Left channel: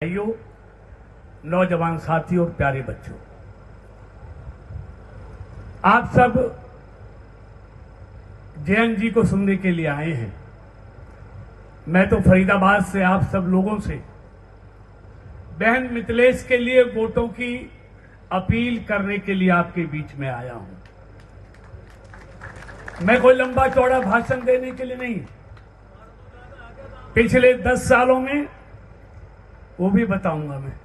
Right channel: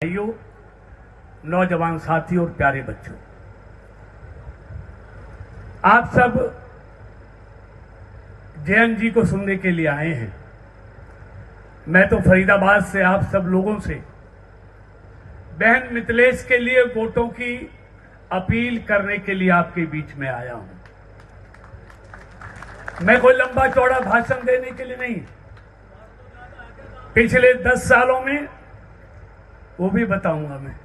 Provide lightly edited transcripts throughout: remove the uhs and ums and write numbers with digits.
भाइयों, नौजवान साथियों और प्यारे बच्चों, आप सब जयंत जी को सुनने के लिए आए हैं। मैं तो फरीदाबाद से आप सब लोगों से बहन मिथिलेश के लिए वोटों की अपील करने के लिए आपके बीच में आया हूं। मैं कोई लंबा चौड़ा भाषण देने के लिए नहीं, पिछले 10 सालों में वो भी बताऊंगा मैं।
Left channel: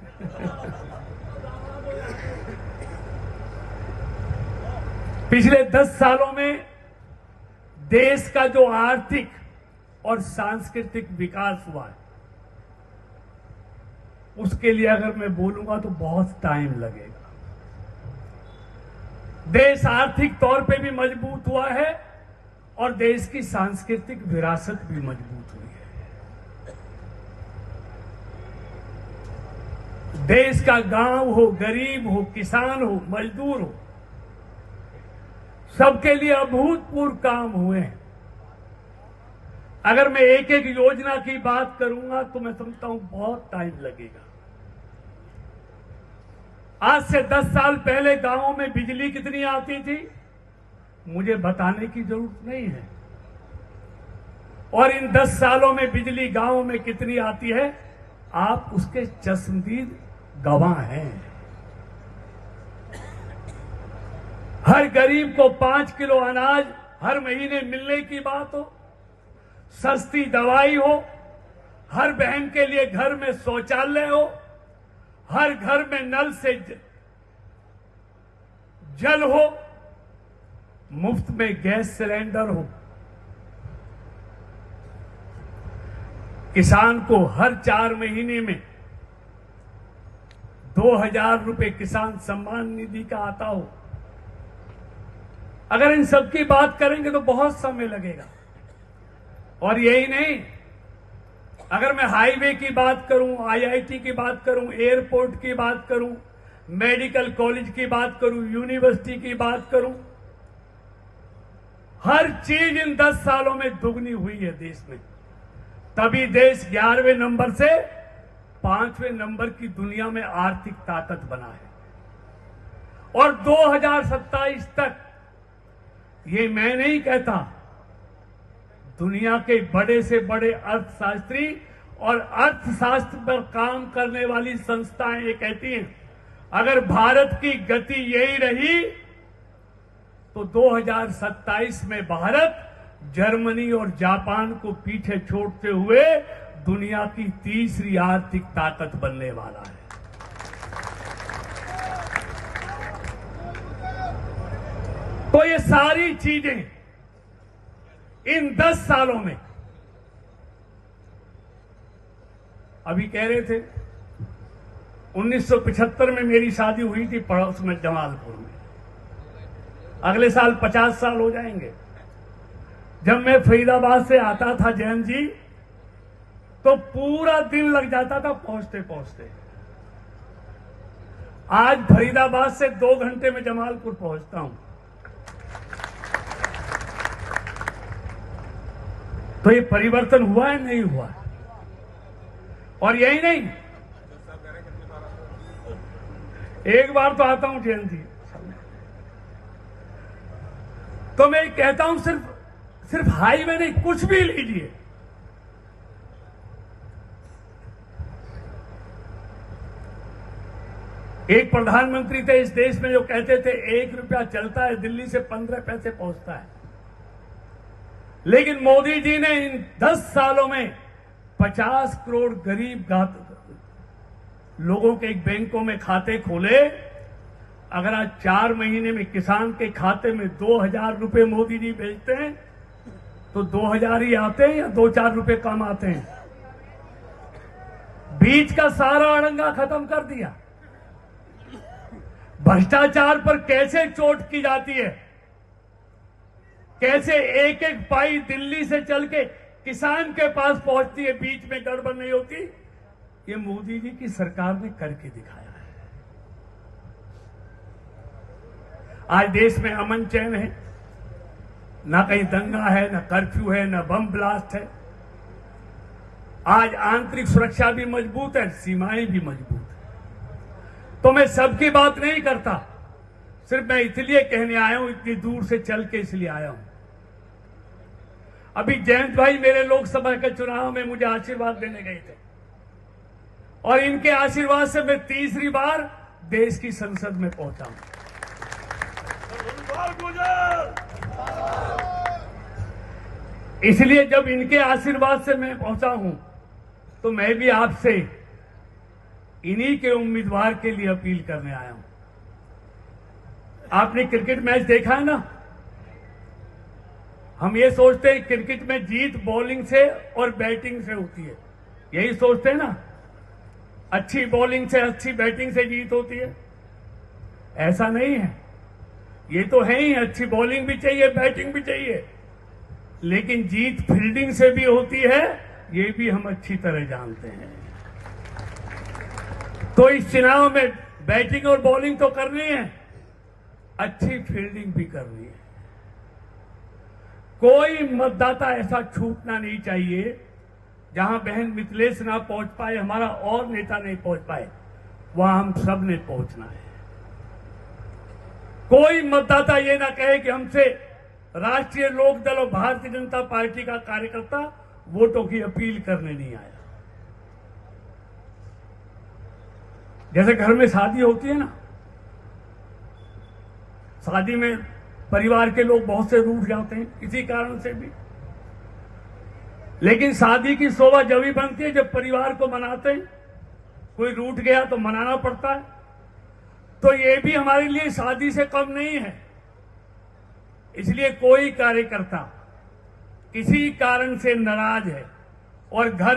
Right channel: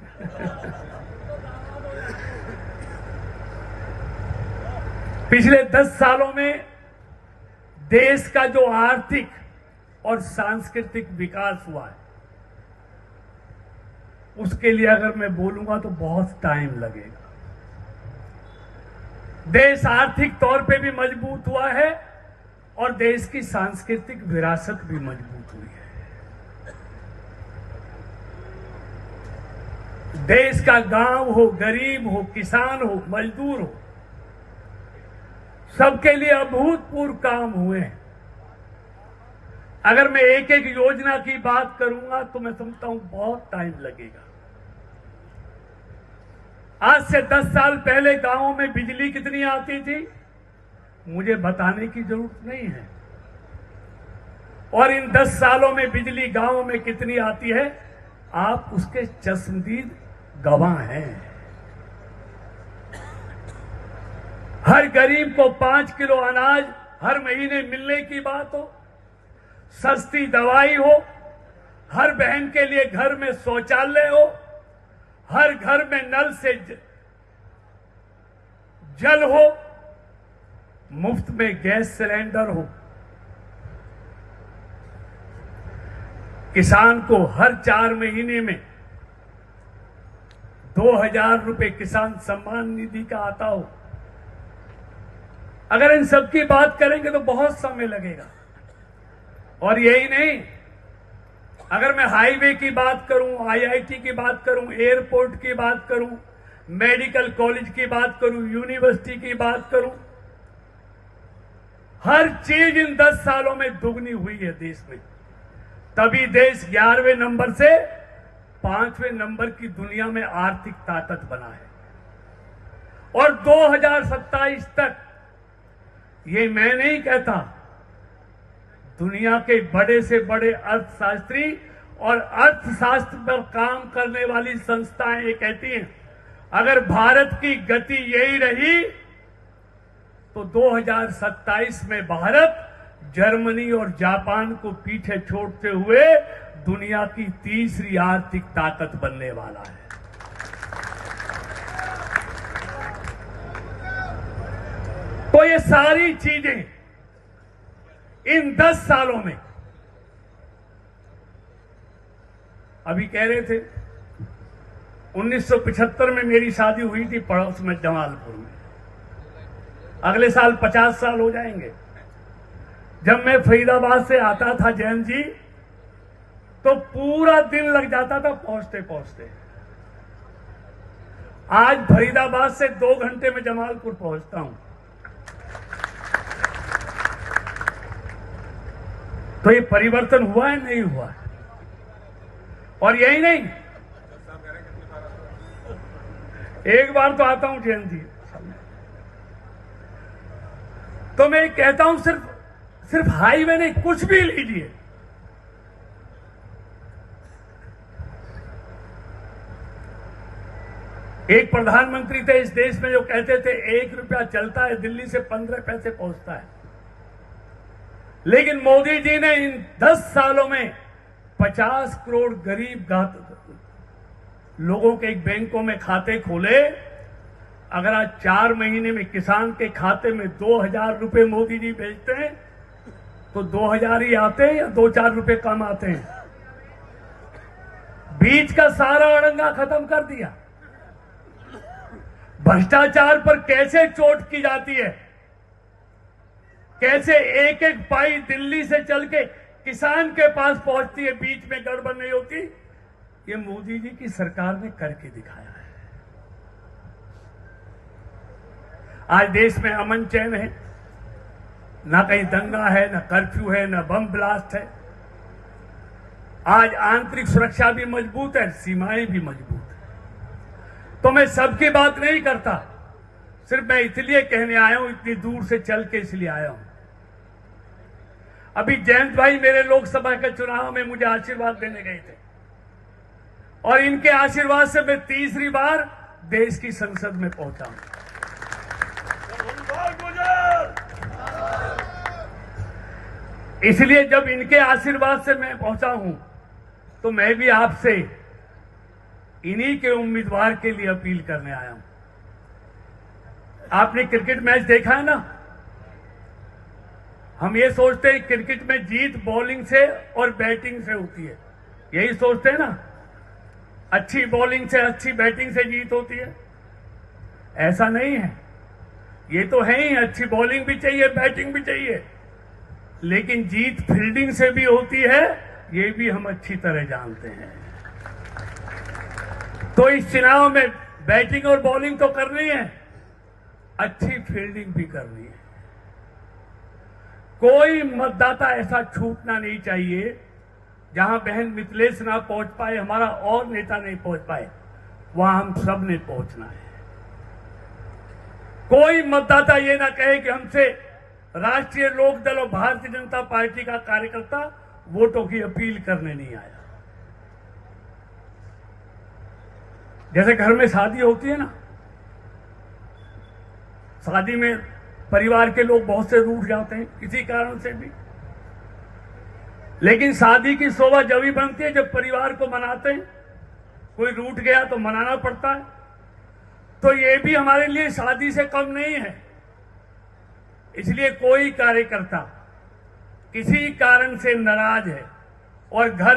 पिछले 10 सालों में देश का जो आर्थिक और सांस्कृतिक विकास हुआ है, उसके लिए अगर मैं बोलूंगा तो बहुत टाइम लगेगा। देश आर्थिक तौर पे भी मजबूत हुआ है और देश की सांस्कृतिक विरासत भी मजबूत हुई है। देश का गांव हो, गरीब हो, किसान हो, मजदूर हो, सबके लिए अभूतपूर्व काम हुए हैं। अगर मैं एक एक योजना की बात करूंगा तो मैं समझता हूं बहुत टाइम लगेगा। आज से 10 साल पहले गांवों में बिजली कितनी आती थी, मुझे बताने की जरूरत नहीं है। और इन 10 सालों में बिजली गांवों में कितनी आती है, आप उसके चश्मदीद गवाह हैं। हर गरीब को 5 किलो अनाज हर महीने मिलने की बात हो, सस्ती दवाई हो, हर बहन के लिए घर में शौचालय हो, हर घर में नल से जल हो, मुफ्त में गैस सिलेंडर हो, किसान को हर 4 महीने में 2000 रुपए किसान सम्मान निधि का आता हो। अगर इन सब की बात करेंगे तो बहुत समय लगेगा। और यही नहीं, अगर मैं हाईवे की बात करूं, आईआईटी की बात करूं, एयरपोर्ट की बात करूं, मेडिकल कॉलेज की बात करूं, यूनिवर्सिटी की बात करूं, हर चीज इन 10 सालों में दुगनी हुई है देश में। तभी देश 11वें नंबर से 5वें नंबर की दुनिया में आर्थिक ताकत बना है। और 2027 तक, ये मैं नहीं कहता, दुनिया के बड़े से बड़े अर्थशास्त्री और अर्थशास्त्र पर काम करने वाली संस्थाएं ये कहती हैं, अगर भारत की गति यही रही तो 2027 में भारत जर्मनी और जापान को पीछे छोड़ते हुए दुनिया की तीसरी आर्थिक ताकत बनने वाला है। तो ये सारी चीजें इन 10 सालों में, अभी कह रहे थे 1975 में मेरी शादी हुई थी पड़ोस में जमालपुर में, अगले साल 50 साल हो जाएंगे। जब मैं फरीदाबाद से आता था जयंत जी, तो पूरा दिन लग जाता था पहुंचते पहुंचते। आज फरीदाबाद से 2 घंटे में जमालपुर पहुंचता हूं। तो ये परिवर्तन हुआ है, नहीं हुआ है? और यही नहीं, एक बार तो आता हूं जयंत जी, तो मैं कहता हूं सिर्फ हाईवे नहीं, कुछ भी लीजिए, एक प्रधानमंत्री थे इस देश में जो कहते थे 1 रुपया चलता है दिल्ली से 15 पैसे पहुंचता है। लेकिन मोदी जी ने इन 10 सालों में 50 करोड़ गरीब लोगों के एक बैंकों में खाते खोले। अगर आज 4 महीने में किसान के खाते में 2000 रुपए मोदी जी भेजते हैं तो 2000 ही आते हैं या 2-4 रुपए कम आते हैं। बीच का सारा अड़ंगा खत्म कर दिया। भ्रष्टाचार पर कैसे चोट की जाती है, कैसे एक एक पाई दिल्ली से चल के किसान के पास पहुंचती है, बीच में गड़बड़ नहीं होती, ये मोदी जी की सरकार ने करके दिखाया है। आज देश में अमन चैन है, ना कहीं दंगा है, ना कर्फ्यू है, ना बम ब्लास्ट है। आज आंतरिक सुरक्षा भी मजबूत है, सीमाएं भी मजबूत है। तो मैं सबकी बात नहीं करता, सिर्फ मैं इसलिए कहने आया हूं, इतनी दूर से चल के इसलिए आया हूं। अभी जयंत भाई मेरे लोकसभा के चुनाव में मुझे आशीर्वाद देने गए थे और इनके आशीर्वाद से मैं तीसरी बार देश की संसद में पहुंचा हूं। इसलिए जब इनके आशीर्वाद से मैं पहुंचा हूं तो मैं भी आपसे इन्हीं के उम्मीदवार के लिए अपील करने आया हूं। आपने क्रिकेट मैच देखा है ना? हम ये सोचते हैं क्रिकेट में जीत बॉलिंग से और बैटिंग से होती है, यही सोचते हैं ना? अच्छी बॉलिंग से, अच्छी बैटिंग से जीत होती है। ऐसा नहीं है, ये तो है ही, अच्छी बॉलिंग भी चाहिए, बैटिंग भी चाहिए, लेकिन जीत फील्डिंग से भी होती है, ये भी हम अच्छी तरह जानते हैं। तो इस चुनाव में बैटिंग और बॉलिंग तो करनी है, अच्छी फील्डिंग भी करनी है। कोई मतदाता ऐसा छूटना नहीं चाहिए जहां बहन मिथिलेश ना पहुंच पाए, हमारा और नेता नहीं पहुंच पाए, वहां हम सब ने पहुंचना है। कोई मतदाता ये ना कहे कि हमसे राष्ट्रीय लोकदल और भारतीय जनता पार्टी का कार्यकर्ता वोटों की अपील करने नहीं आया। जैसे घर में शादी होती है ना, शादी में परिवार के लोग बहुत से रूठ जाते हैं किसी कारण से भी, लेकिन शादी की शोभा जब भी बनती है जब परिवार को मनाते हैं। कोई रूठ गया तो मनाना पड़ता है। तो ये भी हमारे लिए शादी से कम नहीं है। इसलिए कोई कार्यकर्ता किसी कारण से नाराज है और घर